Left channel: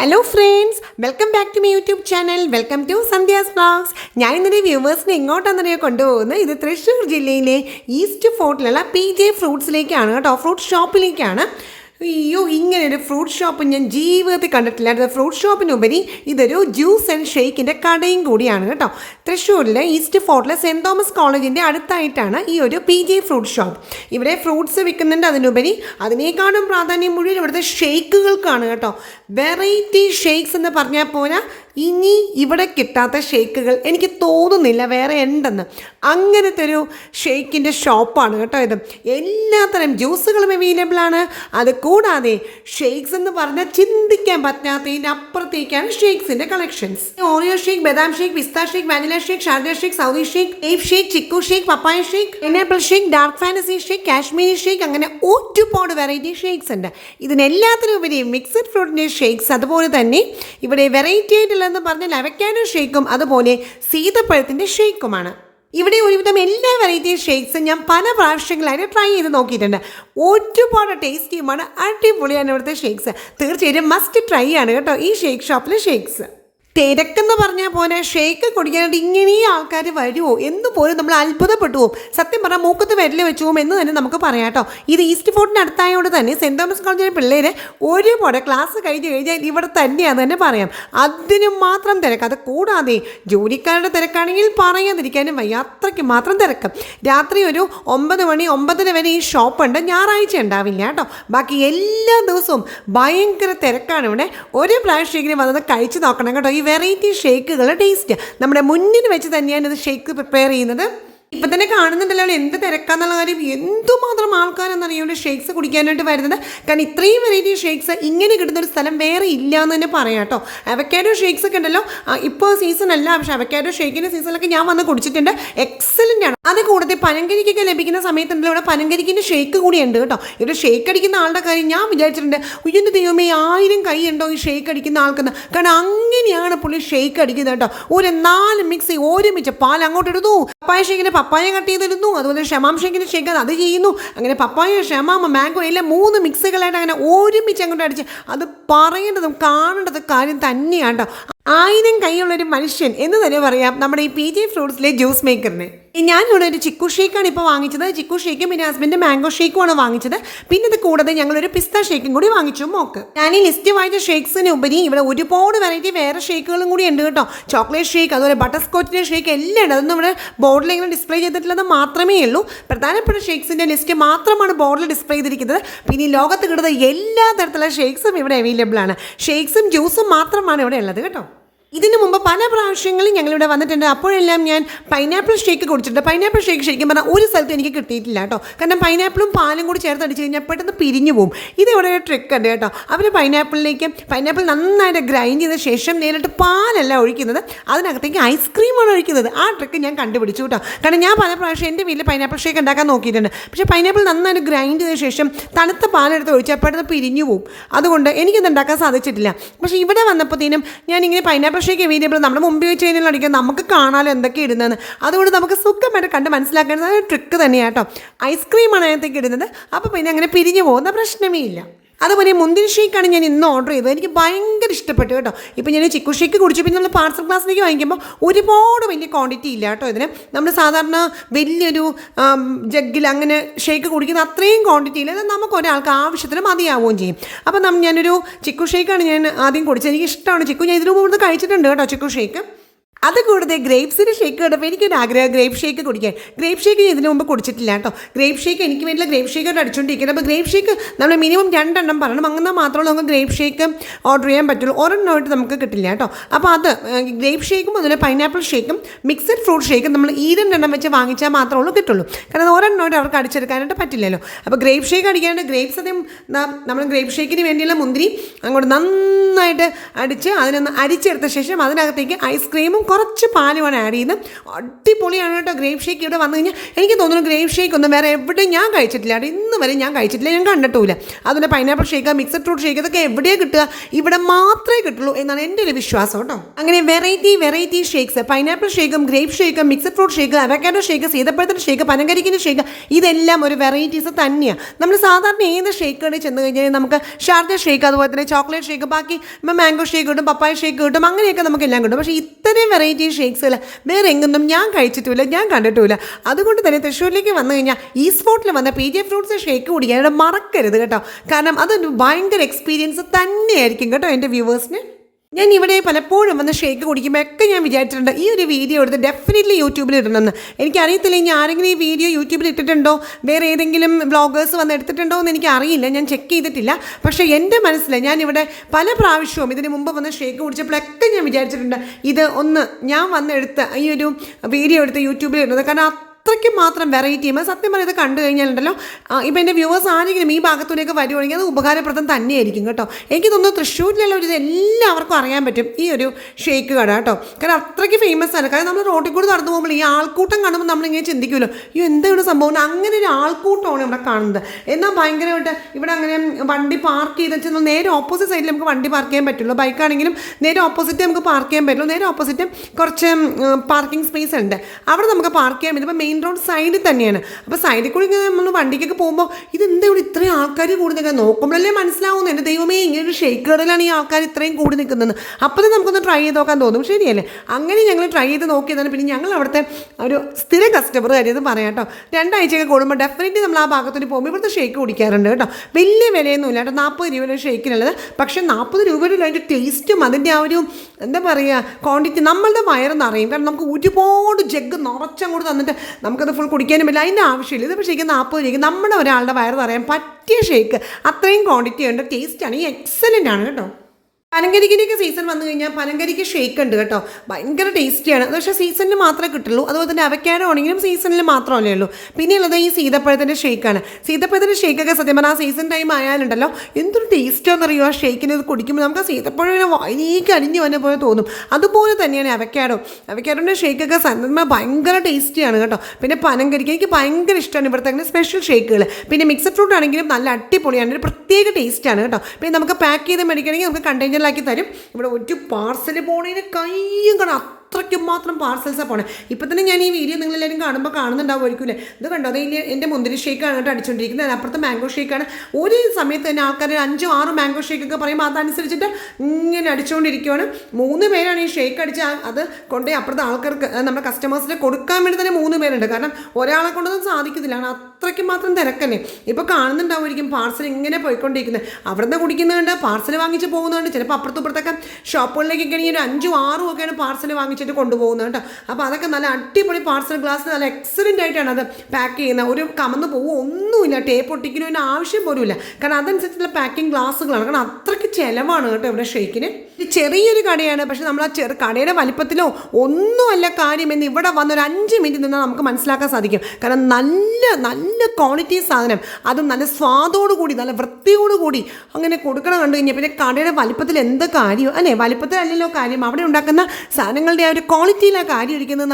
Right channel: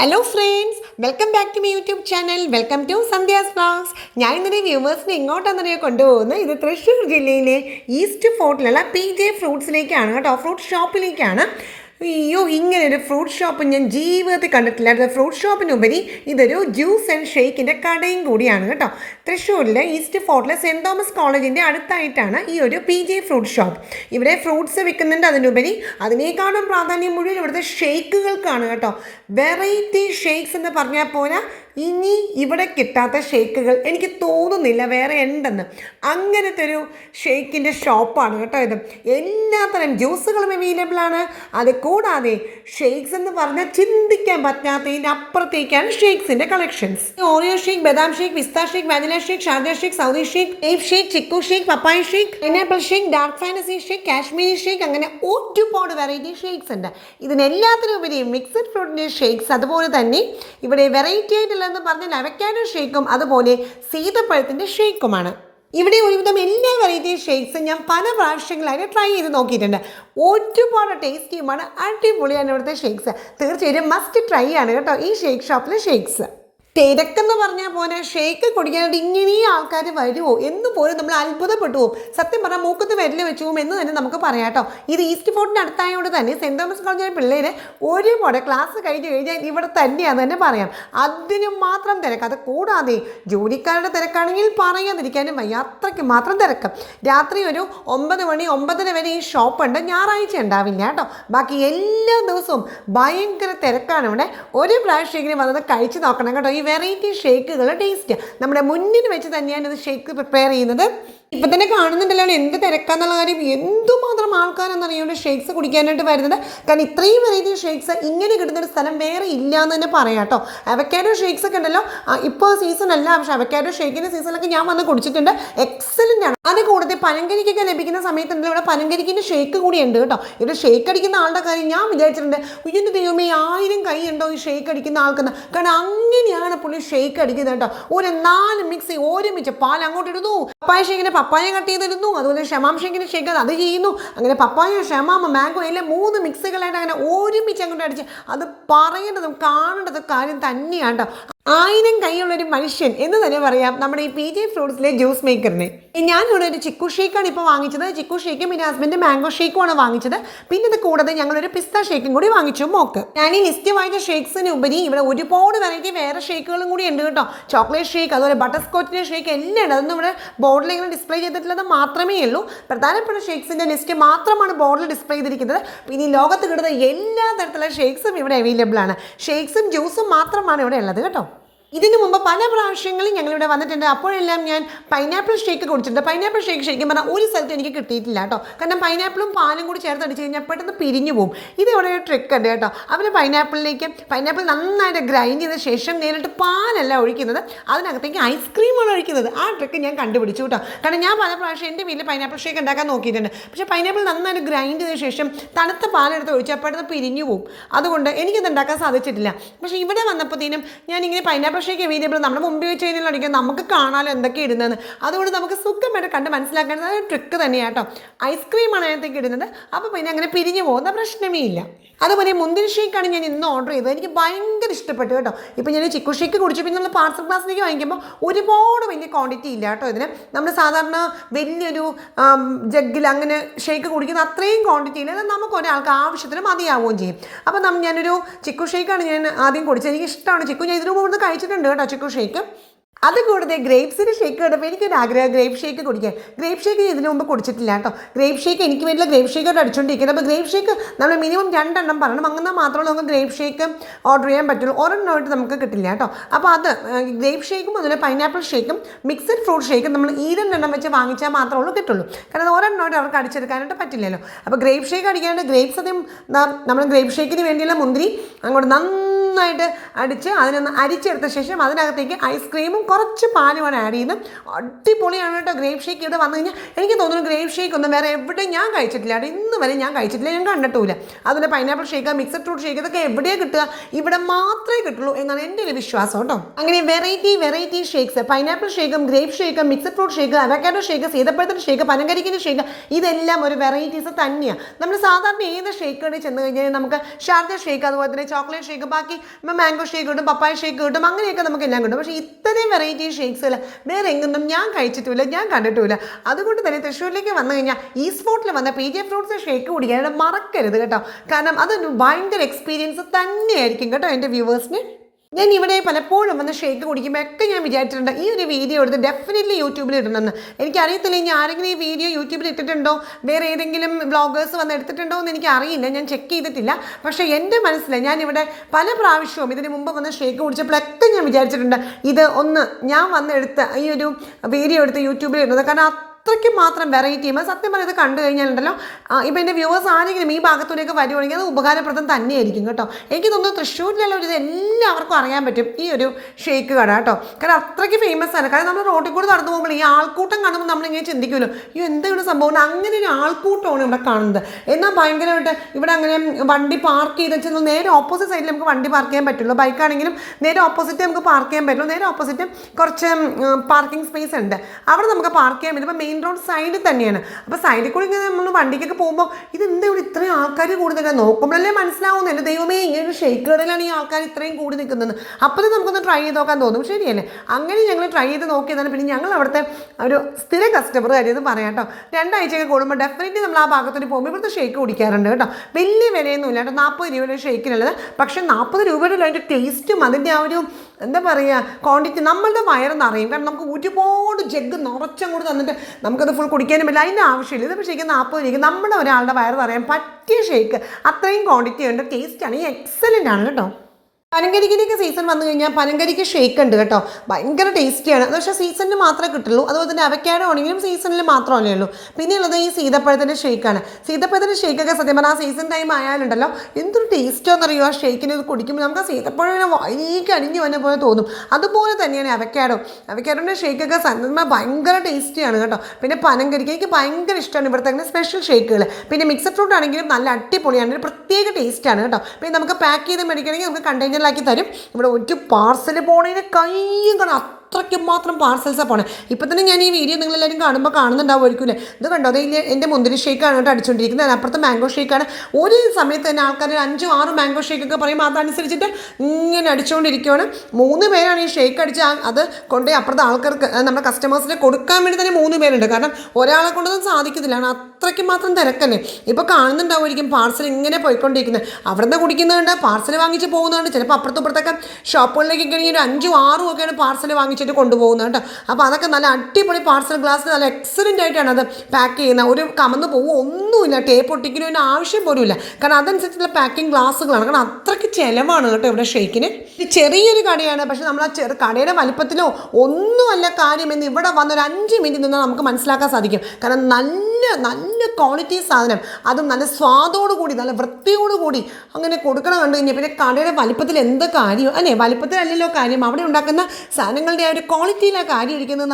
Hello friends, welcome back to my YouTube channel. Welcome to Sandhya's vlogs. ഞാൻ ഇന്നലെ വ്യൂവേഴ്സിനെ ഇങ്ങോട്ടാണെന്ന് കൊണ്ടുപോകുന്നത് ഇത് തൃശ്ശൂർ ജില്ലയിലെ ഈസ്റ്റ് ഫോർട്ടിലുള്ള PJ ഫ്രൂട്ട്സിലേക്കാണ് കേട്ടോ, ഫ്രൂട്ട് ഷോപ്പിലേക്കാണ്. അയ്യോ, ഇങ്ങനൊരു ഫ്രൂട്ട് ഷോപ്പ് ഞാൻ ജീവിതത്തിൽ കണ്ടിട്ടില്ല. ഫ്രൂട്ട് ഷോപ്പിനുപരി ഇതൊരു ജ്യൂസ് ആൻഡ് ഷേക്കിൻ്റെ കടയും കൂടിയാണ് കേട്ടോ. തൃശ്ശൂരിലെ ഈസ്റ്റ് ഫോർട്ടിലെ സെൻറ്റ് തോമസ് കോളേജിൻ്റെ അടുത്തായിട്ടാണ് ഈ ഒരു PJ ഫ്രൂട്ട് ഷോപ്പ്. ഇവിടെ ഫ്രൂട്ട്സ് വിൽക്കുന്നുണ്ട്. അതിനുപരി അതിനേക്കാളും പ്രാധാന്യം മുഴുവൻ ഇവിടുത്തെ ഷേക്കുകൾക്കാണ് കേട്ടോ. വെറൈറ്റി ഷേക്സ് എന്ന് പറഞ്ഞാൽ പോരാ, ഇനി ഇവിടെ കിട്ടാത്ത ഷേക്കുകൾ എനിക്ക് തോന്നുന്നില്ല വേറെ ഉണ്ടെന്ന്. അങ്ങനത്തെ ഒരു ഷേക്കിൻ്റെ ഷോപ്പാണ് കേട്ടോ ഇത്. എല്ലാത്തരം ജ്യൂസുകളും അവൈലബിൾ ആണ്. അത് കൂടാതെ ഷേക്സ് എന്ന് പറഞ്ഞാൽ ചിന്തിക്കാൻ പറ്റാത്തതിൻ്റെ അപ്പുറത്തേക്കാണ് ഷേക്സിൻ്റെ കളക്ഷൻസ്. ഓറിയോ ഷേക്ക്, ബദാം ഷേക്ക്, പിസ്ത shake, vanilla shake, Sharjah shake, Saudi shake, ടേപ്പ് shake, chikoo shake, papaya shake, pineapple shake, dark fantasy shake, Kashmiri shake, അങ്ങനെ ഒരുപാട് വെറൈറ്റി ഷേക്സ് ഉണ്ട്. ഇതിനെല്ലാത്തിനും ഉപരി മിക്സഡ് ഫ്രൂട്ടിൻ്റെ ഷേക്സ്, അതുപോലെ തന്നെ ഇവിടെ വെറൈറ്റി ആയിട്ടുള്ളതെന്ന് പറഞ്ഞാൽ അവക്കാഡോ ഷേക്കും അതുപോലെ സീതപ്പഴത്തിൻ്റെ ഷേക്കുമാണ്. ഇവിടെ ഒരുവിധം എല്ലാ വെറൈറ്റി ഷേക്സും ഞാൻ പല പ്രാവശ്യങ്ങളായിട്ട് ട്രൈ ചെയ്ത് നോക്കിയിട്ടുണ്ട്. ഒരുപാട് ടേസ്റ്റിയുമാണ്, അടിപൊളിയാണ് ഇവിടുത്തെ ഷേക്സ്. തീർച്ചയായും മസ്റ്റ് ട്രൈ ആണ് കേട്ടോ ഈ ഷേക്ക് ഷോപ്പിലെ ഷേക്സ്. തിരക്കെന്ന് പറഞ്ഞാൽ പോലെ ഷേക്ക് കുടിക്കാനായിട്ട് ഇങ്ങനെ ആൾക്കാർ വരുമോ എന്ന് പോലും നമ്മൾ അത്ഭുതപ്പെട്ടു പോകും. സത്യം പറഞ്ഞാൽ മൂക്കത്ത് വിരൽ വെച്ചു പോകും എന്ന് തന്നെ നമുക്ക് പറയാം കേട്ടോ. ഇത് ഈസ്റ്റ് ഫോർട്ടിന് അടുത്തായതുകൊണ്ട് തന്നെ സെൻറ്റ് തോമസ് കോളേജിലെ പിള്ളേർ ഒരുപാട് ക്ലാസ് കഴിഞ്ഞ് കഴിഞ്ഞാൽ ഇവിടെ തന്നെയാണെന്ന് തന്നെ പറയാം. അതിനും മാത്രം തിരക്ക്. അത് കൂടാതെ ജോലിക്കാരുടെ തിരക്കാണെങ്കിൽ പറയാതിരിക്കാനും വയ്യ, അത്രയ്ക്ക് മാത്രം തിരക്ക്. രാത്രി ഒരു 9 മണി 9:30 വരെ ഈ ഷോപ്പുണ്ട്. ഞായറാഴ്ച ഉണ്ടാവില്ല കേട്ടോ. ബാക്കി എല്ലാ ദിവസവും ഭയങ്കര തിരക്കാണ് ഇവിടെ. ഒരു പ്രാവശ്യമെങ്കിലും വന്നത് കഴിച്ച് നോക്കണം കേട്ടോ. ഈ വെറൈറ്റി ഷേക്കുകളുടെ ടേസ്റ്റ് നമ്മുടെ മുന്നിൽ വെച്ച് തന്നെയാണ് ഇത് ഷേക്ക് പ്രിപ്പയർ ചെയ്യുന്നത്. ഇപ്പം തന്നെ കാണുന്നുണ്ടല്ലോ എന്ത് തിരക്കാന്നുള്ള കാര്യം. എന്തുമാത്രം ആൾക്കാരെന്നറിയുമോ ഷേക്സ് കുടിക്കാനായിട്ട് വരുന്നത്. കാരണം ഇത്രയും വെറൈറ്റി ഷേക്സ് ഇങ്ങനെ കിട്ടുന്നൊരു സ്ഥലം വേറെ ഇല്ല എന്ന് തന്നെ പറയാം കേട്ടോ. അവക്കാഡോ ഷേക്സ് ഒക്കെ ഉണ്ടല്ലോ, ഇപ്പോൾ സീസൺ അല്ല, പക്ഷേ അവക്കാഡോ ഷേക്കിൻ്റെ സീസണിലൊക്കെ ഞാൻ വന്ന് കുടിച്ചിട്ടുണ്ട്. എക്സലൻ്റ് ആണ്. അത് കൂടാതെ പനങ്കരിക്കൊക്കെ ലഭിക്കുന്ന സമയത്തുണ്ടല്ലോ ഇവിടെ പനങ്കരിക്കിൻ്റെ ഷേക്ക് കൂടി ഉണ്ട് കേട്ടോ. ഇവിടെ ഷേക്ക് അടിക്കുന്ന ആളുടെ കാര്യം ഞാൻ വിചാരിച്ചിട്ടുണ്ട്, ഉയ്യൻ്റെ ദൈവമേ 1000 കൈ ഉണ്ടോ ഈ ഷേക്ക് അടിക്കുന്ന ആൾക്കെന്ന്. കാരണം അങ്ങനെയാണ് പുള്ളി ഷേക്ക് അടിക്കുന്നത് കേട്ടോ. ഒരു 4 മിക്സി ഒരുമിച്ച് പാൽ അങ്ങോട്ട് ഇടുന്നു, പപ്പായ ഷേക്കിൻ്റെ പപ്പായ കട്ട് ചെയ്തിരുന്നു, അതുപോലെ ഷമാം ഷേക്കിൻ്റെ ഷേക്ക് അത് ചെയ്യുന്നു. അങ്ങനെ പപ്പായ, ഷമാം, മാംഗോ എല്ലാം 3 മിക്സികളായിട്ട് അങ്ങനെ ഒരുമിച്ച് അങ്ങോട്ട് അടിച്ച് അത് പറയേണ്ടതും കാണേണ്ടത് കാര്യം തന്നെയാണ് കേട്ടോ. 1000 കൈയുള്ളൊരു മനുഷ്യൻ എന്ന് തന്നെ പറയാം നമ്മുടെ ഈ PJ ഫ്രൂട്ട്സിലെ ജ്യൂസ് മേക്കറിനെ. ഞാനിവിടെ ഒരു ചിക്കു ഷേക്കാണ് ഇപ്പോൾ വാങ്ങിച്ചത്. ചിക്കു ഷേക്കും പിന്നെ ഹസ്ബൻഡ് മാംഗോ ഷേക്കുമാണ് വാങ്ങിച്ചത്. പിന്നെ ഇത് കൂടാതെ ഞങ്ങളൊരു പിസ്ത ഷേക്കും കൂടി വാങ്ങിച്ചു മോക്ക്. ഞാൻ ഈ ലിസ്റ്റ് വാങ്ങിച്ച ഷേക്സിന് ഉപരി ഇവിടെ ഒരുപാട് വെറൈറ്റി വേറെ ഷേക്കുകളും കൂടി ഉണ്ട് കേട്ടോ. ചോക്ലേറ്റ് ഷേക്ക്, അതുപോലെ ബട്ടർ സ്കോച്ചിൻ്റെ ഷേക്ക് എല്ലാം ഉണ്ട്. അതൊന്നും ഇവിടെ ബോർഡിൽ ഇങ്ങനെ ഡിസ്പ്ലേ ചെയ്തിട്ടുള്ളത് മാത്രമേ ഉള്ളൂ. പ്രധാനപ്പെട്ട ഷേക്സിൻ്റെ ലിസ്റ്റ് മാത്രമാണ് ബോർഡിൽ ഡിസ്പ്ലേ ചെയ്തിരിക്കുന്നത്. പിന്നെ ഈ ലോകത്ത് കിട്ടുന്ന എല്ലാ തരത്തിലുള്ള ഷേക്സും ഇവിടെ അവൈലബിൾ ആണ്. ഷേക്സും ജ്യൂസും മാത്രമാണ് ഇവിടെ ഉള്ളത് കേട്ടോ. ഇതിനു മുമ്പ് പല പ്രാവശ്യങ്ങളിൽ ഞങ്ങളിവിടെ വന്നിട്ടുണ്ട്. അപ്പോഴെല്ലാം ഞാൻ പൈനാപ്പിൾ ഷേക്ക് കുടിച്ചിട്ടുണ്ട്. പൈനാപ്പിൾ ഷേക്ക് ശരിക്കും പറഞ്ഞാൽ ഒരു സ്ഥലത്ത് എനിക്ക് കിട്ടിയിട്ടില്ല കേട്ടോ. കാരണം പൈനാപ്പിളും പാലും കൂടി ചേർത്ത് അടിച്ച് കഴിഞ്ഞാൽ പെട്ടെന്ന് പിരിഞ്ഞു പോകും. ഇത് ഇവിടെ ഒരു ട്രിക്ക് ഉണ്ട് കേട്ടോ. അവർ പൈനാപ്പിൾ നന്നായിട്ട് ഗ്രൈൻഡ് ചെയ്ത ശേഷം നേരിട്ട് പാലല്ല ഒഴിക്കുന്നത്, അതിനകത്തേക്ക് ഐസ്ക്രീമാണ് ഒഴിക്കുന്നത്. ആ ട്രിക്ക് ഞാൻ കണ്ടുപിടിച്ചു കേട്ടോ. കാരണം ഞാൻ പല പ്രാവശ്യം എൻ്റെ വീട്ടിൽ പൈനാപ്പിൾ ഷേക്ക് ഉണ്ടാക്കാൻ നോക്കിയിട്ടുണ്ട്. പക്ഷേ പൈനാപ്പിൾ നന്നായിട്ട് ഗ്രൈൻഡ് ചെയ്ത ശേഷം തണുത്ത പാലെടുത്ത് ഒഴിച്ചാൽ പെട്ടെന്ന് പിരിഞ്ഞു പോകും. അതുകൊണ്ട് എനിക്കിത് ഉണ്ടാക്കാൻ സാധിച്ചിട്ടില്ല. പക്ഷേ ഇവിടെ വന്നപ്പോഴത്തേനും ഞാനിങ്ങനെ പൈനാപ്പിൾ ഷേക്ക് അവൈലബിൾ നമ്മുടെ മുമ്പ് വെച്ച് കഴിഞ്ഞാൽ അടിക്കാൻ നമുക്ക് കാണാമല്ലോ എന്തൊക്കെ ഇടുന്നതെന്ന്. അതുകൊണ്ട് നമുക്ക് സുഖമായിട്ട് കണ്ട് മനസ്സിലാക്കേണ്ടത് ഒരു ട്രിക്ക് തന്നെയാണ് കേട്ടോ. ഐസ്ക്രീമാണ് അതിനകത്തേക്ക് ഇടുന്നത്. അപ്പോൾ പിന്നെ അങ്ങനെ പിരിഞ്ഞു പോകുന്ന പ്രശ്നമേ ഇല്ല. അതുപോലെ മുന്തിരി ഷേക്കാണ് ഞാൻ ഇന്ന് ഓർഡർ ചെയ്തത്. എനിക്ക് ഭയങ്കര ഇഷ്ടപ്പെട്ടു കേട്ടോ. ഇപ്പോൾ ഞാൻ ചിക്കു ഷേക്ക് കുടിച്ചു. പിന്നെ നമ്മൾ പാർസൽ ക്ലാസ്സിലേക്ക് വാങ്ങിക്കുമ്പോൾ ഒരുപാട് വലിയ ക്വാണ്ടിറ്റി ഇല്ല കേട്ടോ ഇതിന്. നമ്മൾ സാധാരണ വലിയൊരു ജഗ്ഗിൽ അങ്ങനെ ഷേക്ക് കുടിക്കുന്ന അത്രയും ക്വാണ്ടിറ്റി ഇല്ല. അത് നമുക്ക് ഒരാൾക്ക് ആവശ്യത്തിന് മതിയാവുകയും ചെയ്യും. അപ്പോൾ ഞാനൊരു ചിക്കു ഷേക്കാണ് ഞാൻ ആദ്യം കുടിച്ചത്. എനിക്ക് ഇഷ്ടമാണ് ചിക്കു. ഞാൻ ഇതിനു മുമ്പ് കഴിച്ചിട്ടുണ്ട് കേട്ടോ ചിക്കു ഷേക്ക്. അത് കൂടാതെ ഗ്രേപ്സിൻ്റെ ഷേക്ക് കണ്ടപ്പോൾ എനിക്കൊരു ആഗ്രഹം ഗ്രേപ്പ് ഷേക്ക് കുടിക്കാൻ. ഗ്രേപ്പ് ഷേക്ക് ഇതിനു മുമ്പ് കുടിച്ചിട്ടില്ല കേട്ടോ. ഗ്രേപ്പ് ഷേക്ക് എനിക്ക് വേണ്ടിയുള്ള ഗ്രേപ്പ് ഷേക്കോട്ട് അടിച്ചുകൊണ്ടിരിക്കുന്നത്. അപ്പോൾ ഗ്രേപ്പ് ഷേക്ക് നമ്മൾ മിനിമം 2 എണ്ണം പറയണം. അങ്ങനെ മാത്രമേ നമുക്ക് ഗ്രേപ്പ് ഷേക്ക് ഓർഡർ ചെയ്യാൻ പറ്റുള്ളൂ. ഒരെണ്ണമായിട്ട് നമുക്ക് കിട്ടില്ല കേട്ടോ. അപ്പോൾ അത് ഗ്രേപ്പ് ഷേക്കും അതുപോലെ പൈനാപ്പിൾ ഷേക്കും മിക്സഡ് ഫ്രൂട്ട് ഷേക്കും നമ്മൾ 2 എണ്ണം വെച്ച് വാങ്ങിച്ചാൽ മാത്രമേ കിട്ടുള്ളൂ. കാരണം ഒരെണ്ണമായിട്ട് അവർക്ക് അടിച്ചെടുക്കാനായിട്ട് പറ്റില്ലല്ലോ. അപ്പോൾ ഗ്രേപ്പ് ഷേക്ക് അടിക്കാണ്ട് ഗ്രേപ്സ് ആദ്യം നമ്മൾ ഗ്രേപ്പ് ഷേക്കിന് വേണ്ടിയുള്ള മുന്തിരി അങ്ങോട്ട് നന്നായിട്ട് അടിച്ച് അതിനൊന്ന് അരിച്ചെടുത്ത ശേഷം അതിനകത്തേക്ക് ഐസ്ക്രീമും കുറച്ച് പാലുമാണ് ആഡ് ചെയ്യുന്നത്. അടിപൊളിയാണ് കേട്ടോ ഗ്രേപ്പ് ഷേക്ക്. ഇവിടെ വന്നു കഴിഞ്ഞാൽ എനിക്ക് തോന്നുന്നു ഗ്രേപ്പ് ഷേക്ക് ഒന്നും വേറെ എവിടെ ഞാൻ കഴിച്ചിട്ടില്ല കേട്ടോ. ഇന്ന് വരെ ഞാൻ കഴിച്ചിട്ടില്ല, ഞാൻ കണ്ടിട്ടില്ല. അതുപോലെ pineapple shake, mixed fruit shake ഇതൊക്കെ എവിടെയാണ് കിട്ടുക? ഇവിടെ മാത്രമേ കിട്ടുള്ളൂ എന്നാണ് എൻ്റെ ഒരു വിശ്വാസം കേട്ടോ. അങ്ങനെ വെറൈറ്റി ഷേക്സ്, പൈനാപ്പിൾ ഷേക്കും ഗ്രേപ്പ് ഷേക്കും mixed fruit shake, avocado shake, സീതപ്പഴത്തിൻ്റെ ഷേക്ക്, പനങ്കരിക്കിൻ്റെ ഷേക്ക്, ഇതെല്ലാം ഒരു വെറൈറ്റീസ് തന്നെയാണ്. നമ്മൾ സാധാരണ ഏത് ഷേക്ക് കടയിൽ ചെന്ന് കഴിഞ്ഞാൽ നമുക്ക് ഷാർജ ഷേക്ക്, അതുപോലെ തന്നെ ചോക്ലേറ്റ് ഷേക്ക്, ബാക്കി മാംഗോ ഷേക്ക് കിട്ടും, പപ്പായ ഷേക്ക് കിട്ടും, അങ്ങനെയൊക്കെ നമുക്ക് എല്ലാം കിട്ടും. പക്ഷേ ഇത്രയും വെറൈറ്റി ഷേക്സുകൾ വേറെ എങ്ങൊന്നും ഞാൻ കഴിച്ചിട്ടില്ല, ഞാൻ കണ്ടിട്ടില്ല. അതുകൊണ്ട് തന്നെ തൃശ്ശൂരിലേക്ക് വന്നു കഴിഞ്ഞാൽ ഈ സ്പോട്ടിൽ വന്ന PJ ഫ്രൂട്ട്സ് ഷേക്ക് കുടിക്കാനായിട്ട് മറക്കരുത് കേട്ടോ. കാരണം അതൊരു ഭയങ്കര എക്സ്പീരിയൻസ് തന്നെയായിരിക്കും കേട്ടോ എൻ്റെ വ്യൂവേഴ്സിന്. ഞാൻ ഇവിടെ പലപ്പോഴും വന്ന് ഷേക്ക് കുടിക്കുമ്പോഴൊക്കെ ഞാൻ വിചാരിച്ചിട്ടുണ്ട് ഈ ഒരു വീഡിയോ എടുത്ത് ഡെഫിനറ്റ്ലി യൂട്യൂബിൽ ഇടണമെന്ന്. എനിക്കറിയത്തില്ല ഇനി ആരെങ്കിലും ഈ വീഡിയോ യൂട്യൂബിൽ ഇട്ടിട്ടുണ്ടോ, വേറെ ഏതെങ്കിലും വ്ളോഗേഴ്സ് വന്ന് എടുത്തിട്ടുണ്ടോ എന്ന് എനിക്ക് അറിയില്ല, ഞാൻ ചെക്ക് ചെയ്തിട്ടില്ല. പക്ഷേ എൻ്റെ മനസ്സിൽ ഞാനിവിടെ പല പ്രാവശ്യവും ഇതിന് മുമ്പ് വന്ന് ഷേക്ക് കുടിച്ചപ്പോഴൊക്കെ ഞാൻ വിചാരിച്ചിട്ടുണ്ട് ഇത് ഒന്ന് ഞാൻ വന്ന് എടുത്ത് ഈ ഒരു വീഡിയോ എടുത്ത് യൂട്യൂബിൽ ഇടുന്നത്. കാരണം അത്രയ്ക്ക് മാത്രം വെറൈറ്റി. സത്യം പറയുന്നത് കണ്ടു കഴിഞ്ഞാലുണ്ടല്ലോ, ഇപ്പം എൻ്റെ വ്യൂവേഴ്സ് ആരെങ്കിലും ഈ ഭാഗത്തൂടെയൊക്കെ വരുവാണെങ്കിൽ അത് ഉപകാരപ്രദം തന്നെയായിരിക്കും കേട്ടോ. എനിക്ക് തോന്നുന്നു തൃശ്ശൂരിലുള്ള ഒരു എല്ലാവർക്കും അറിയാൻ പറ്റും ഈ ഒരു ഷേക്ക് കട കേട്ടോ. കാരണം അത്രയ്ക്ക് ഫേമസ് ആണ്. കാരണം നമ്മൾ റോഡിൽ കൂടി നടന്നു പോകുമ്പോൾ ഈ ആൾക്കൂട്ടം കാണുമ്പോൾ നമ്മളിങ്ങനെ ചിന്തിക്കുമല്ലോ, ഈ എന്തൊരു സംഭവം, അങ്ങനെ ഒരു ആൾക്കൂട്ടമാണ് ഇവിടെ കാണുന്നത്. എന്നാൽ ഭയങ്കരമായിട്ട് ഇവിടെ അങ്ങനെ വണ്ടി പാർക്ക് ചെയ്ത് വെച്ചാൽ നേരെ ഓപ്പോസിറ്റ് സൈഡിൽ നമുക്ക് വണ്ടി പാർക്ക് ചെയ്യാൻ പറ്റുള്ളൂ. ബൈക്കാണെങ്കിലും നേരെ ഓപ്പോസിറ്റ് നമുക്ക് പാർക്ക് ചെയ്യാൻ പറ്റുള്ളൂ. നേരെ ഓപ്പോസിറ്റ് കുറച്ച് പാർക്കിംഗ് സ്പേസ് ഉണ്ട്, അവിടെ നമുക്ക് പാർക്ക് ചെയ്യാൻ പറ്റും. ഇപ്പോൾ മെയിൻ റോഡ് സൈഡിൽ തന്നെയാണ്. അപ്പോൾ സൈഡിൽ കൂടി ഇങ്ങനെ നമ്മൾ വണ്ടിക്കൊക്കെ പോകുമ്പോൾ ഇതെന്താ ഇവിടെ ഇത്രയും ആൾക്കാർ കൂടുതലൊക്കെ നോക്കുമ്പോഴല്ലേ മനസ്സിലാവുന്നു, എൻ്റെ ദൈവമേ ഇങ്ങനെ ഒരു ഷേക്ക് കടയിലാണ് ഈ ആൾക്കാർ ഇത്രയും കൂടി നിൽക്കുന്നത്. അപ്പോൾ നമുക്കൊന്ന് ട്രൈ ചെയ്ത് നോക്കാൻ തോന്നും, ശരിയല്ലേ? അങ്ങനെ ഞങ്ങൾ ട്രൈ ചെയ്ത് നോക്കിയതാണ്. പിന്നെ ഞങ്ങൾ അവിടുത്തെ ഒരു സ്ഥിര കസ്റ്റമർ കാര്യമെന്ന് പറയാം കേട്ടോ. 2 ആഴ്ചയൊക്കെ കൂടുമ്പോൾ ഡെഫിനറ്റ്ലി നമ്മൾ ആ ഭാഗത്തോട്ട് പോകുമ്പോൾ ഇവിടുത്തെ ഷേക്ക് കുടിക്കാറുണ്ട് കേട്ടോ. വലിയ വിലയൊന്നുമില്ല കേട്ടോ, 40 രൂപയുടെ ഷേക്കിനുള്ളത്. പക്ഷേ 40 രൂപയുടെ അതിൻ്റെ ടേസ്റ്റും അതിൻ്റെ ആ ഒരു എന്താ പറയുക ക്വാണ്ടിറ്റി നമ്മളുടെ വയറ് നിറയും. കാരണം നമുക്ക് ഒരുപാട് ജഗ് നിറച്ചങ്ങോട്ട് തന്നിട്ട് നമുക്കത് ഫുൾ കുടിക്കാനും പറ്റില്ല, അതിൻ്റെ ആവശ്യമില്ല. ഇതിപ്പോൾ ശരിക്കും 40 രൂപയ്ക്ക് നമ്മുടെ ഒരാളുടെ വയറ് നിറയാൻ പറ്റിയ ഷേക്ക്, അത്രയും ക്വാണ്ടിറ്റി ഉണ്ട്, ടേസ്റ്റാണ്, ഈ എക്സലൻ്റ് ആണ് കേട്ടോ. പനങ്കരിക്കിൻ്റെയൊക്കെ സീസൺ വന്നു കഴിഞ്ഞാൽ പനങ്കരിക്ക് ഷേക്ക് ഉണ്ട് കേട്ടോ, ഭയങ്കര ടേസ്റ്റിയാണ്. അത് പക്ഷേ സീസണിൽ മാത്രമേ കിട്ടുള്ളൂ. അതുപോലെ തന്നെ അവക്കാഡോ ആണെങ്കിലും സീസണിൽ മാത്രമല്ലേ ഉള്ളൂ. പിന്നെ ഉള്ളത് ഈ സീതപ്പഴത്തിൻ്റെ ഷേക്കാണ്. സീതപ്പഴത്തിൻ്റെ ഷേക്കൊക്കെ സത്യം പറഞ്ഞാൽ ആ സീസൺ ടൈം ആയാലുണ്ടല്ലോ എന്തൊരു ടേസ്റ്റോന്നറിയോ ആ ഷേക്കിന് ഇത് കുടിക്കുമ്പോൾ നമുക്ക് ആ സീതപ്പഴം വൈകി അണിഞ്ഞു വന്നെ പോലെ തോന്നും. അതുപോലെ തന്നെയാണ് അവക്കാഡോൻ്റെ ഷേക്കൊക്കെ സത്യം ഭയങ്കര ടേസ്റ്റിയാണ് കേട്ടോ. പിന്നെ പനങ്കരിക്ക് എനിക്ക് ഭയങ്കര ഇഷ്ടമാണ് ഇവിടുത്തെ അങ്ങനെ സ്പെഷ്യൽ ഷേക്കുകൾ. പിന്നെ മിക്സഡ് ഫ്രൂട്ട് ആണെങ്കിലും നല്ല അടിപൊളിയാണ്, ഒരു പ്രത്യേക ടേസ്റ്റാണ് കേട്ടോ. പിന്നെ നമുക്ക് പാക്ക് ചെയ്ത് മേടിക്കണമെങ്കിൽ നമുക്ക് കണ്ടെയ്നറിലാക്കി തരും. ഇവിടെ ഒരു പാർസൽ പോണതിന് കയ്യും കാണാം, അത്രയ്ക്കും മാത്രം പാർസൽസാണ് പോണേ. ഇപ്പം തന്നെ ഞാൻ ഈ വീഡിയോ നിങ്ങളെല്ലാവരും കാണുമ്പോൾ കാണുന്നുണ്ടാവുമായിരിക്കില്ലേ, ഇത് കണ്ടോ, അതിൽ എൻ്റെ മുന്തിരി ഷേക്കാണ് കേട്ടോ അടിച്ചുകൊണ്ടിരിക്കുന്നത്. അതിനപ്പുറത്ത് മാംഗോ ഷേക്കാണ്. ഒരു സമയത്ത് തന്നെ ആൾക്കാർ 5-6 മാംഗോ ഷേക്കൊക്കെ പറയുമ്പോൾ അതനുസരിച്ചിട്ട് ഇങ്ങനെ അടിച്ചുകൊണ്ടിരിക്കുകയാണ്. 3 പേരാണ് ഈ ഷേക്ക് അടിച്ച് അത് കൊണ്ടുപോയി അപ്പുറത്തെ ആൾക്കാർക്ക് നമ്മുടെ കസ്റ്റമേഴ്സിന് കൊടുക്കാൻ വേണ്ടി തന്നെ 3 പേരുണ്ട്. കാരണം ഒരാളെ കൊണ്ടൊന്നും സാധിക്കത്തില്ല, അത്രയ്ക്ക് മാത്രം തിരക്കന്നെ. ഇപ്പോൾ കാണുന്നുണ്ടാവുമായിരിക്കും പാർസൽ ഇങ്ങനെ പോയിക്കൊണ്ടിരിക്കുന്നത്. അവിടുന്ന് കുടിക്കുന്നുണ്ട്, പാർസൽ വാങ്ങിച്ച് പോകുന്നുണ്ട്. ചിലപ്പോൾ അപ്പുറത്തും ഇപ്പുറത്തൊക്കെ ഷോപ്പുകളിലേക്കൊക്കെ ആണെങ്കിൽ ഒരു 5-6 ഒക്കെയാണ് പാർസൽ വാങ്ങിച്ചിട്ട് കൊണ്ടുപോകുന്നത് കേട്ടോ. അപ്പോൾ അതൊക്കെ നല്ല അടിപൊളി പാർസൽ ഗ്ലാസ്സിൽ നല്ല എക്സലൻ്റ് ആയിട്ടാണ് അത് പാക്ക് ചെയ്യുന്നത്. ഒരു കമന്ന് പോകും ഒന്നുമില്ല, ടേപ്പ് ഒട്ടിക്കുന്നതിന് ആവശ്യം പോലും ഇല്ല. കാരണം അതനുസരിച്ചുള്ള പാക്കിംഗ് ഗ്ലാസ്സുകളാണ്. കാരണം അത്രയ്ക്ക് ചിലവാണ് കേട്ടോ ഇവിടെ ഷേക്കിന്. ചെറിയൊരു കടയാണ്, പക്ഷെ നമ്മൾ ആ കടയുടെ വലിപ്പത്തിലോ ഒന്നുമല്ല കാര്യം എന്ന് ഇവിടെ വന്നൊരു 5 മിനിറ്റ് നിന്നാൽ നമുക്ക് മനസ്സിലാക്കാൻ സാധിക്കും. കാരണം നല്ല നല്ല ക്വാളിറ്റി സാധനം, അതും നല്ല സ്വാദോടുകൂടി നല്ല വൃത്തിയോടുകൂടി അങ്ങനെ കൊടുക്കണം കണ്ടു കഴിഞ്ഞാൽ പിന്നെ കടയുടെ വലിപ്പത്തിൽ എന്ത് കാര്യം അല്ലേ? വലിപ്പത്തിലല്ലല്ലോ കാര്യം, അവിടെ ഉണ്ടാക്കുന്ന സാധനങ്ങളുടെ ആ ഒരു ക്വാളിറ്റിയിലാണ് കാര്യം ഇരിക്കുന്നത്.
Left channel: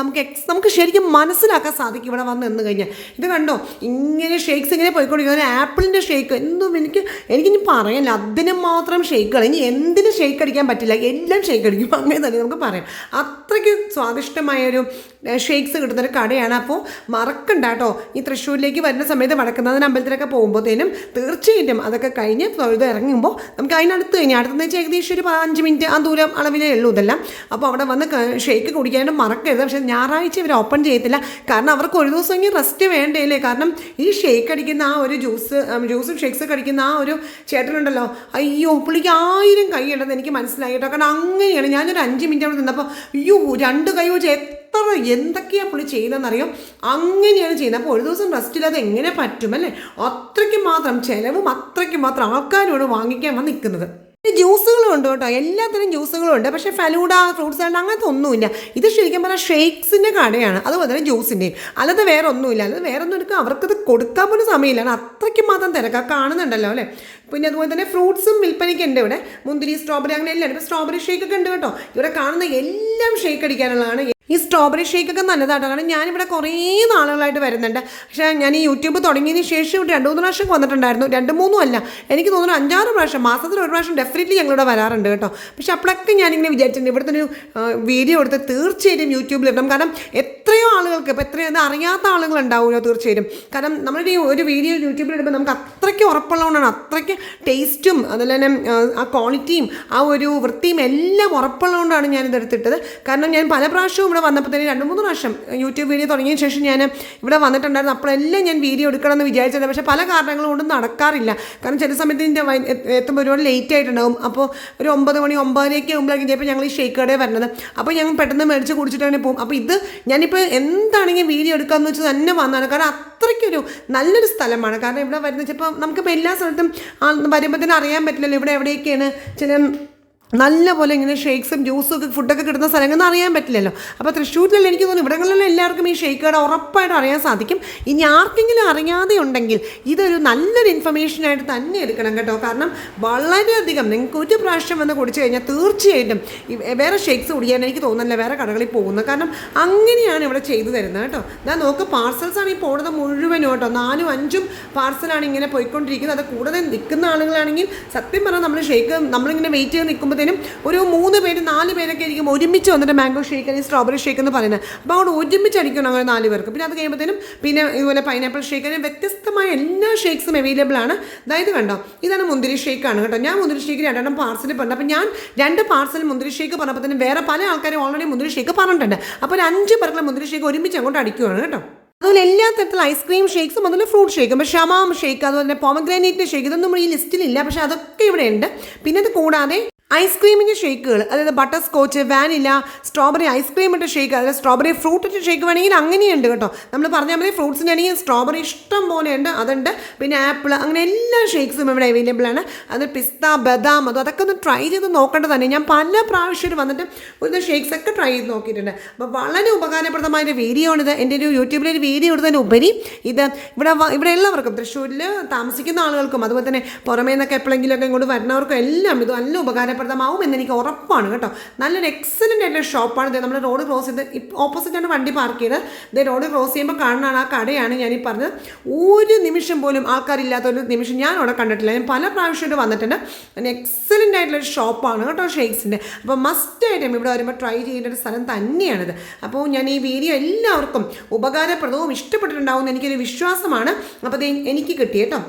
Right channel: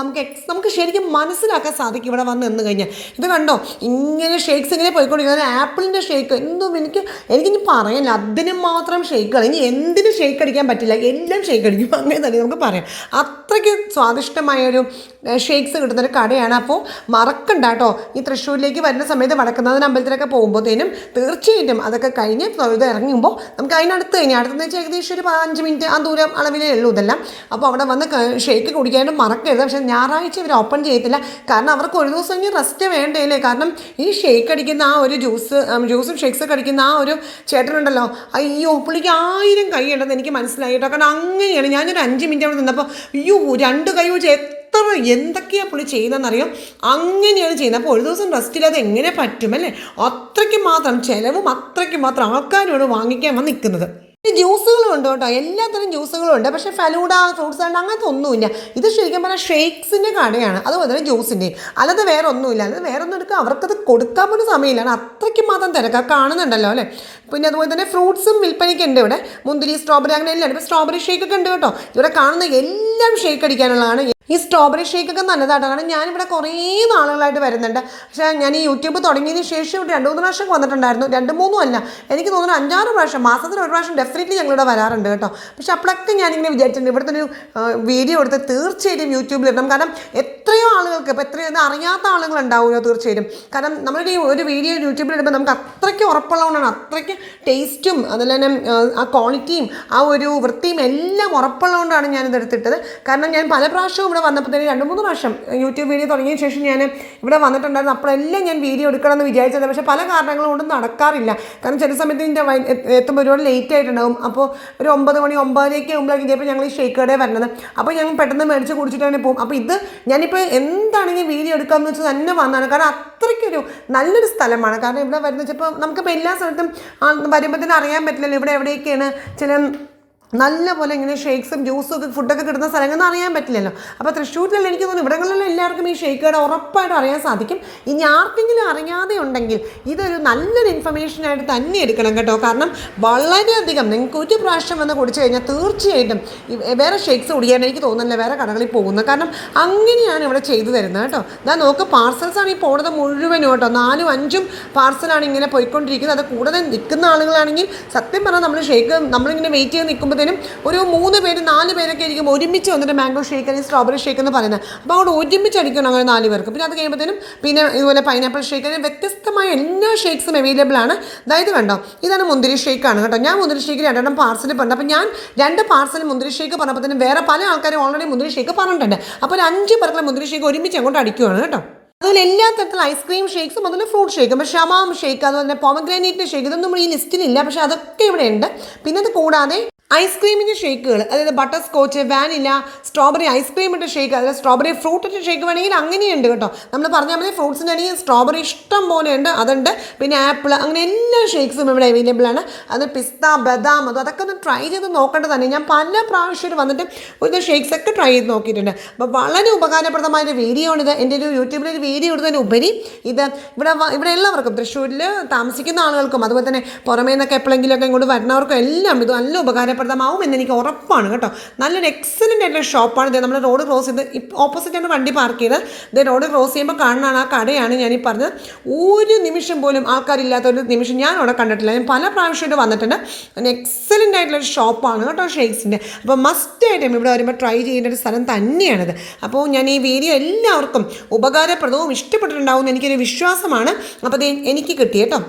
നമുക്ക് ശരിക്കും മനസ്സിലാക്കാൻ സാധിക്കും ഇവിടെ വന്ന് നിന്ന് കഴിഞ്ഞാൽ. ഇത് കണ്ടോ, ഇങ്ങനെ ഷേക്ക്സ് ഇങ്ങനെ പോയിക്കൊണ്ടിരിക്കുന്നത്. ആപ്പിളിൻ്റെ ഷേക്ക് എന്തും എനിക്കിനി പറയാനില്ല, അതിന് മാത്രം ഷേക്കുകൾ. ഇനി എന്തിനും ഷേക്ക് അടിക്കാൻ പറ്റില്ല, എല്ലാം ഷേക്ക് അടിക്കും, അങ്ങനെ തന്നെ നമുക്ക് പറയാം. അത്രയ്ക്ക് സ്വാദിഷ്ടമായൊരു ഷേക്ക്സ് കിട്ടുന്നൊരു കടയാണ്. അപ്പോൾ മറക്കണ്ട കേട്ടോ, ഈ തൃശ്ശൂരിലേക്ക് വരുന്ന സമയത്ത് വടക്കുന്നാഥൻ അമ്പലത്തിലൊക്കെ പോകുമ്പോഴത്തേനും തീർച്ചയായിട്ടും അതൊക്കെ കഴിഞ്ഞ് ഇത് ഇറങ്ങുമ്പോൾ നമുക്ക് അതിനടുത്ത് കഴിഞ്ഞാൽ അടുത്തെന്ന് വെച്ചാൽ ഏകദേശം ഒരു 5 മിനിറ്റ് ആ ദൂരം അളവിലേ ഉള്ളൂ ഇതെല്ലാം. അപ്പോൾ അവിടെ വന്ന് ഷേക്ക് കുടിക്കാനും മറക്കരുത്. പക്ഷേ ഞായറാഴ്ച ഇവർ ഓപ്പൺ ചെയ്യത്തില്ല, കാരണം അവർക്ക് ഒരു ദിവസമെങ്കിൽ റെസ്റ്റ് വേണ്ടേലേ. കാരണം ഈ ഷേക്ക് അടിക്കുന്ന ആ ഒരു ജ്യൂസും ഷേക്സൊക്കെ അടിക്കുന്ന ആ ഒരു ചേട്ടനുണ്ടല്ലോ, അയ്യോ പുള്ളിക്ക് 1000 കൈ ഉണ്ടെന്ന് എനിക്ക് മനസ്സിലായി കേട്ടോ. കാരണം അങ്ങനെയാണ്, ഞാനൊരു 5 മിനിറ്റ് അവിടെ നിന്നപ്പോൾ അയ്യോ 2 കൈ വെച്ച് എന്തൊക്കെയാണ് പുള്ളി ചെയ്യുന്നതെന്നറിയോ, അങ്ങനെയാണ് ചെയ്യുന്നത്. അപ്പോൾ ഒരു ദിവസം റെസ്റ്റില്ലാതെ എങ്ങനെ പറ്റുമല്ലേ? അത്രയ്ക്ക് മാത്രം ചിലവും അത്രയ്ക്ക് മാത്രം ആൾക്കാരോട് വാങ്ങിക്കാൻ വന്ന് നിൽക്കുന്നത്. ജ്യൂസുകളും ഉണ്ട് കേട്ടോ, എല്ലാത്തരം ജ്യൂസുകളും ഉണ്ട്. പക്ഷേ ഫലൂഡ, ഫ്രൂട്ട്സ് സാലഡ് അങ്ങനത്തെ ഒന്നുമില്ല. ഇത് ശരിക്കും പറഞ്ഞാൽ ഷേക്സിൻ്റെ കടയാണ്, അതുപോലെ തന്നെ ജ്യൂസിൻ്റെ, അല്ലാതെ വേറെ ഒന്നുമില്ല. അല്ലാതെ വേറെ ഒന്നും എടുക്കുക അവർക്കത് കൊടുക്കാൻ പോലും സമയമില്ല, അത്രയ്ക്ക് മാത്രം തിരക്കാണ് കാണുന്നുണ്ടല്ലോ അല്ലേ. പിന്നെ അതുപോലെ തന്നെ ഫ്രൂട്ട്സും വിൽപ്പനയ്ക്ക് ഉണ്ട് ഇവിടെ, മുന്തിരി, സ്ട്രോബെറി അങ്ങനെ എല്ലാം ഉണ്ട്. ഇപ്പോൾ സ്ട്രോബെറി ഷേക്കൊക്കെ ഉണ്ട് കേട്ടോ. ഇവിടെ കാണുന്ന എല്ലാം ഷേക്ക് അടിക്കാനുള്ളതാണ്. ഈ സ്ട്രോബെറി ഷേക്കൊക്കെ നല്ലതാണ്. കാരണം ഞാനിവിടെ കുറേ നാളുകളായിട്ട് വരുന്നുണ്ട്. പക്ഷേ ഞാൻ ഈ യൂട്യൂബ് തുടങ്ങിയതിന് ശേഷം 2-3 പ്രാവശ്യം വന്നിട്ടുണ്ടായിരുന്നു. 2-3 അല്ല, എനിക്ക് തോന്നുന്നു 5-6 പ്രാവശ്യം, മാസത്തിൽ 1 പ്രാവശ്യം ഡെഫിനറ്റ്ലി ഞങ്ങളിവിടെ വരാറുണ്ട് കേട്ടോ. പക്ഷെ അപ്പോഴൊക്കെ ഞാനിങ്ങനെ വിചാരിച്ചിട്ടുണ്ട് ഇവിടുത്തെ ഒരു വീഡിയോ എടുത്ത് തീർച്ചയായിട്ടും യൂട്യൂബിൽ ഇടണം. കാരണം എത്രയോ ആളുകൾക്ക് ഇപ്പോൾ എത്രയോ ഇത് അറിയാത്ത ആളുകളുണ്ടാവുമല്ലോ തീർച്ചയായിട്ടും. കാരണം നമ്മുടെ ഈ ഒരു വീഡിയോ യൂട്യൂബിൽ ഇടുമ്പോൾ നമുക്ക് അത്രയ്ക്ക് ഉറപ്പുള്ളതുകൊണ്ടാണ്, അത്രയ്ക്ക് ടേസ്റ്റും അതുപോലെ തന്നെ ആ ക്വാളിറ്റിയും ആ ഒരു വൃത്തിയും എല്ലാം ഉറപ്പുള്ളതുകൊണ്ടാണ് ഞാനിത് എടുത്തിട്ടത്. കാരണം ഞാൻ പല പ്രാവശ്യവും ഇവിടെ വന്നപ്പോഴത്തേക്കും 2-3 പ്രാവശ്യം യൂട്യൂബ് വീഡിയോ തുടങ്ങിയ ശേഷം ഞാൻ ഇവിടെ വന്നിട്ടുണ്ടായിരുന്നു. അപ്പോഴെല്ലാം ഞാൻ വീഡിയോ എടുക്കണമെന്ന് വിചാരിച്ചത്, പക്ഷേ പല കാരണങ്ങൾ കൊണ്ടും നടക്കാറില്ല. കാരണം ചില സമയത്ത് എൻ്റെ എത്തുമ്പോൾ ഒരുപാട് ലേറ്റ് ആയിട്ടുണ്ടാകും. അപ്പോൾ ഒരു 9 മണി 9:30 ആകുമ്പോഴേക്കും ചിലപ്പോൾ ഞങ്ങൾ ഈ ഷേക്ക് കടയിൽ വരുന്നത്. അപ്പോൾ ഞങ്ങൾ പെട്ടെന്ന് മേടിച്ച് കുടിച്ചിട്ടാണ് പോകും. അപ്പോൾ ഇത് ഞാനിപ്പോൾ എന്താണെങ്കിൽ വീഡിയോ എടുക്കാമെന്ന് വെച്ചാൽ തന്നെ വന്നതാണ്. കാരണം അത്രയ്ക്കൊരു നല്ലൊരു സ്ഥലമാണ്. കാരണം ഇവിടെ വരുന്നത് ഇപ്പോൾ നമുക്കിപ്പോൾ എല്ലാ സ്ഥലത്തും വരുമ്പോൾ തന്നെ അറിയാൻ പറ്റില്ലല്ലോ ഇവിടെ എവിടെയൊക്കെയാണ് ചില നല്ല പോലെ ഇങ്ങനെ ഷേക്സും ജ്യൂസും ഒക്കെ ഫുഡൊക്കെ കിട്ടുന്ന സ്ഥലങ്ങളൊന്നും അറിയാൻ പറ്റില്ലല്ലോ. അപ്പോൾ തൃശ്ശൂരിലെല്ലാം എനിക്ക് തോന്നുന്നു ഇവിടങ്ങളിലെല്ലാം എല്ലാവർക്കും ഈ ഷേക്ക് കട ഉറപ്പായിട്ടും അറിയാൻ സാധിക്കും. ഇനി ആർക്കെങ്കിലും അറിയാതെ ഉണ്ടെങ്കിൽ ഇതൊരു നല്ലൊരു ഇൻഫർമേഷനായിട്ട് തന്നെ എടുക്കണം കേട്ടോ. കാരണം വളരെയധികം നിങ്ങൾക്ക് ഒരു പ്രാവശ്യം വന്ന് കുടിച്ചു കഴിഞ്ഞാൽ തീർച്ചയായിട്ടും വേറെ ഷേക്സ് കുടിക്കാൻ എനിക്ക് തോന്നുന്നില്ല വേറെ കടകളിൽ പോകുന്നത്. കാരണം അങ്ങനെയാണ് ഇവിടെ ചെയ്തു തരുന്നത് കേട്ടോ. ഇതാ നോക്ക്, പാർസൽസാണ് ഈ പോകുന്നത് മുഴുവനും കേട്ടോ. 4-5 പാർസലാണ് ഇങ്ങനെ പോയിക്കൊണ്ടിരിക്കുന്നത്. അത് കൂടുതൽ നിൽക്കുന്ന ആളുകളാണെങ്കിൽ സത്യം പറഞ്ഞാൽ നമ്മൾ ഷേക്ക് നമ്മളിങ്ങനെ വെയിറ്റ് ചെയ്ത് നിൽക്കുമ്പോൾ ഒരു 3 പേര് 4 പേരൊക്കെ ആയിരിക്കും ഒരുമിച്ച് വന്നിട്ട് മാംഗോ ഷേക്ക് അല്ലെങ്കിൽ സ്ട്രോബെറി ഷേക്ക് എന്ന് പറയുന്നത്. അപ്പോൾ അവിടെ ഒരുമിച്ച് അടിക്കണം അങ്ങനെ 4 പേർക്ക്. പിന്നെ അത് കഴിയുമ്പോഴത്തേനും പിന്നെ ഇതുപോലെ പൈനാപ്പിൾ ഷേക്ക്, അങ്ങനെ വ്യത്യസ്തമായ എല്ലാ ഷേക്സും അവൈലബിൾ ആണ്. അതായത് കണ്ടോ, ഇതാണ് മുന്തിരി ഷേക്കാണ് കേട്ടോ. ഞാൻ മുന്തിരി ഷേക്ക് 2 പാർസൽ പറഞ്ഞു. അപ്പോൾ ഞാൻ 2 പാർസൽ മുന്തിരി ഷേക്ക് പറഞ്ഞപ്പോൾ തന്നെ വേറെ പല ആൾക്കാരും ഓൾറെഡി മുന്തിരി ഷേക്ക് പറഞ്ഞിട്ടുണ്ട്. അപ്പോൾ ഒരു 5 പേർക്കുള്ള മുന്തിരി ഷേക്ക് ഒരുമിച്ച് അങ്ങോട്ട് അടിക്കുവാണ് കേട്ടോ. അതുപോലെ എല്ലാ തരത്തിലുള്ള ഐസ്ക്രീം ഷേക്സും അതുപോലെ ഫ്രൂട്ട് ഷേക്കും, ഇപ്പോൾ ഷമാം ഷേക്ക് അതുപോലെ തന്നെ പോമഗ്രാനൈറ്റ് ഷേക്ക് ഇതൊന്നും ഈ ലിസ്റ്റിലില്ല, പക്ഷേ അതൊക്കെ ഇവിടെ ഉണ്ട്. പിന്നെ അത് കൂടാതെ ഐസ്ക്രീമിൻ്റെ ഷേക്കുകൾ, അതായത് ബട്ടർ സ്കോച്ച്, വാനില, സ്ട്രോബെറി ഐസ്ക്രീമിൻ്റെ ഷേക്ക്, അതായത് സ്ട്രോബെറി ഫ്രൂട്ടിൻ്റെ ഷേക്ക് വേണമെങ്കിൽ അങ്ങനെയുണ്ട് കേട്ടോ. നമ്മൾ പറഞ്ഞാൽ മതി ഫ്രൂട്ട്സിൻ്റെ ആണെങ്കിൽ സ്ട്രോബെറി ഇഷ്ടം പോലെ ഉണ്ട്, അതുണ്ട്. പിന്നെ ആപ്പിൾ, അങ്ങനെ എല്ലാ ഷേക്സും ഇവിടെ അവൈലബിൾ ആണ്. അത് പിസ്ത, ബദാം, അതൊക്കെ ഒന്ന് ട്രൈ ചെയ്ത് നോക്കേണ്ടത് തന്നെ. ഞാൻ പല പ്രാവശ്യം വന്നിട്ട് ഒരു ഷേക്സ് ഒക്കെ ട്രൈ ചെയ്ത് നോക്കിയിട്ടുണ്ട്. അപ്പോൾ വളരെ ഉപകാരപ്രദമായൊരു വീഡിയോ ആണിത്. എൻ്റെ ഒരു യൂട്യൂബിലൊരു വീഡിയോ എടുത്തതിനുപരി ഇത് ഇവിടെ എല്ലാവർക്കും തൃശ്ശൂരിൽ താമസിക്കുന്ന ആളുകൾക്കും അതുപോലെ തന്നെ പുറമേ നിന്നൊക്കെ എപ്പോഴെങ്കിലുമൊക്കെ ഇങ്ങോട്ട് വരുന്നവർക്കും എല്ലാം ഇത് നല്ല ഉപകാരപ്രദമാവും എന്ന് എനിക്ക് ഉറപ്പാണ് കേട്ടോ. നല്ലൊരു എക്സലൻ്റ് ആയിട്ടുള്ള ഷോപ്പാണ് ഇത്. നമ്മൾ റോഡ് ക്രോസ് ചെയ്ത് ഓപ്പോസിറ്റാണ് വണ്ടി പാർക്ക് ചെയ്ത് ഇത് റോഡ് ക്രോസ് ചെയ്യുമ്പോൾ കാണുന്നതാണ് ആ കടയാണ് ഞാനീ പറഞ്ഞത്. ഒരു നിമിഷം പോലും ആൾക്കാരില്ലാത്തൊരു നിമിഷം ഞാൻ അവിടെ കണ്ടിട്ടില്ല. ഞാൻ പല പ്രാവശ്യമായിട്ട് വന്നിട്ടുണ്ട്. എക്സലൻ്റ് ആയിട്ടുള്ളൊരു ഷോപ്പാണ് കേട്ടോ ഷേക്സിൻ്റെ. അപ്പോൾ മസ്റ്റായിട്ടും ഇവിടെ വരുമ്പോൾ ട്രൈ ചെയ്യുന്ന ഒരു സ്ഥലം തന്നെയാണിത്. അപ്പോൾ ഞാൻ ഈ വീഡിയോ എല്ലാവർക്കും ഉപകാരപ്രദവും ഇഷ്ടപ്പെട്ടിട്ടുണ്ടാവും എന്ന് എനിക്കൊരു വിശ്വാസമാണ്. അപ്പോൾ അത് എനിക്ക് കിട്ടി കേട്ടോ.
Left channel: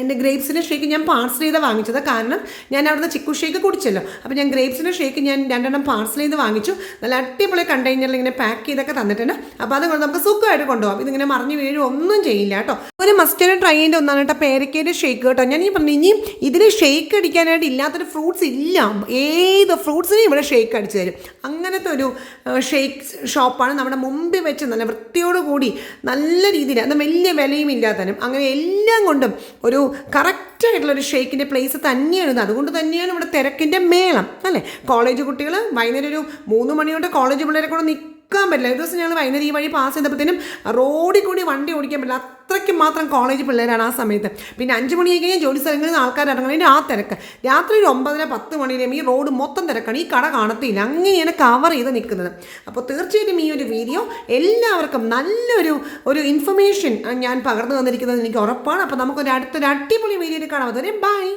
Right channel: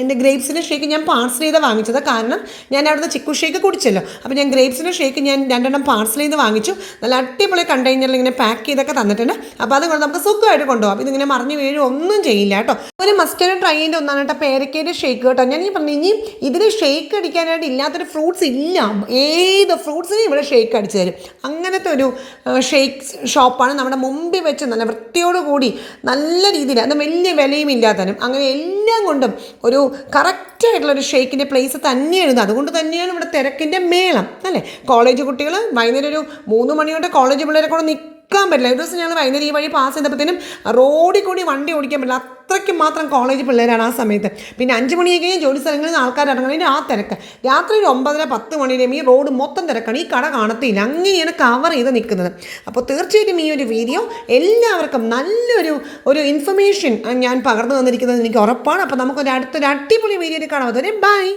എൻ്റെ ഗ്രേപ്സിൻ്റെ ഷേക്ക് ഞാൻ പാർസൽ ചെയ്ത് വാങ്ങിച്ചത്. കാരണം ഞാൻ അവിടുന്ന് ചിക്കു ഷേക്ക് കുടിച്ചല്ലോ. അപ്പോൾ ഞാൻ ഗ്രേപ്സിൻ്റെ ഷേക്ക് ഞാൻ 2 പാർസൽ ചെയ്ത് വാങ്ങിച്ചു. നല്ല അടിപൊളി കണ്ടെയ്നറിൽ ഇങ്ങനെ പാക്ക് ചെയ്തൊക്കെ തന്നിട്ടുണ്ട്. അപ്പോൾ അതുകൊണ്ട് നമുക്ക് സുഖമായിട്ട് കൊണ്ടുപോകാം. ഇതിങ്ങനെ മറിഞ്ഞ് വീഴും ഒന്നും ചെയ്യില്ല കേട്ടോ. ഒരു മസ്റ്റേഡ് ട്രൈ ചെയ്യേണ്ട ഒന്നാണ് കേട്ടോ പേരക്കയുടെ ഷേക്ക് കേട്ടോ. ഞാൻ ഈ പറഞ്ഞു ഇനിയും ഇതിന് ഷേക്ക് അടിക്കാനായിട്ട് ഇല്ലാത്തൊരു ഫ്രൂട്ട്സ് ഇല്ല. ഏത് ഫ്രൂട്ട്സിനും ഇവിടെ ഷേക്ക് അടിച്ചു തരും. അങ്ങനത്തെ ഒരു ഷേക്ക് ഷോപ്പാണ്. നമ്മുടെ മുമ്പിൽ വെച്ച് നല്ല വൃത്തിയോടുകൂടി നല്ല രീതിയിൽ, അത് വലിയ വിലയും ഇല്ലാത്തനും അങ്ങനെ എല്ലാം കൊണ്ടും ഒരു കറക്റ്റായിട്ടുള്ളൊരു ഷേക്കിൻ്റെ പ്ലേസ് തന്നെയാണ്. അതുകൊണ്ട് തന്നെയാണ് ഇവിടെ തിരക്കിൻ്റെ മേളം അല്ലേ. കോളേജ് കുട്ടികൾ വൈകുന്നേരം ഒരു 3 മണിയോടെ കോളേജ് പിള്ളേരെ കൂടെ നിൽക്കാൻ പറ്റില്ല. ഒരു ദിവസം ഞങ്ങൾ വൈകുന്നേരം ഈ വഴി പാസ് ചെയ്തപ്പോഴത്തേനും റോഡിൽ കൂടി വണ്ടി ഓടിക്കാൻ പറ്റില്ല. അത്രയ്ക്ക് മാത്രം കോളേജ് പിള്ളേരാണ് ആ സമയത്ത്. പിന്നെ 5 മണിയൊക്കെ കഴിഞ്ഞാൽ ജോലി സ്ഥലങ്ങളിൽ നിന്ന് ആൾക്കാർ ഇറങ്ങുന്നതിന് ആ തിരക്ക്. രാത്രി 9-10 മണിയിലും ഈ റോഡ് മൊത്തം തിരക്കാണ്. ഈ കട കാണത്തില്ല. അങ്ങനെയാണ് കവർ ചെയ്ത് നിൽക്കുന്നത്. അപ്പോൾ തീർച്ചയായിട്ടും ഈ ഒരു വീഡിയോ എല്ലാവർക്കും നല്ലൊരു ഇൻഫർമേഷൻ ഞാൻ പകർന്നു തന്നിരിക്കുന്നത് എനിക്ക് ഉറപ്പാണ്. അപ്പോൾ നമുക്കൊരു അടുത്തൊരു അടിപൊളി വീഡിയോയിൽ കാണാം. അതുവരെ ബൈ.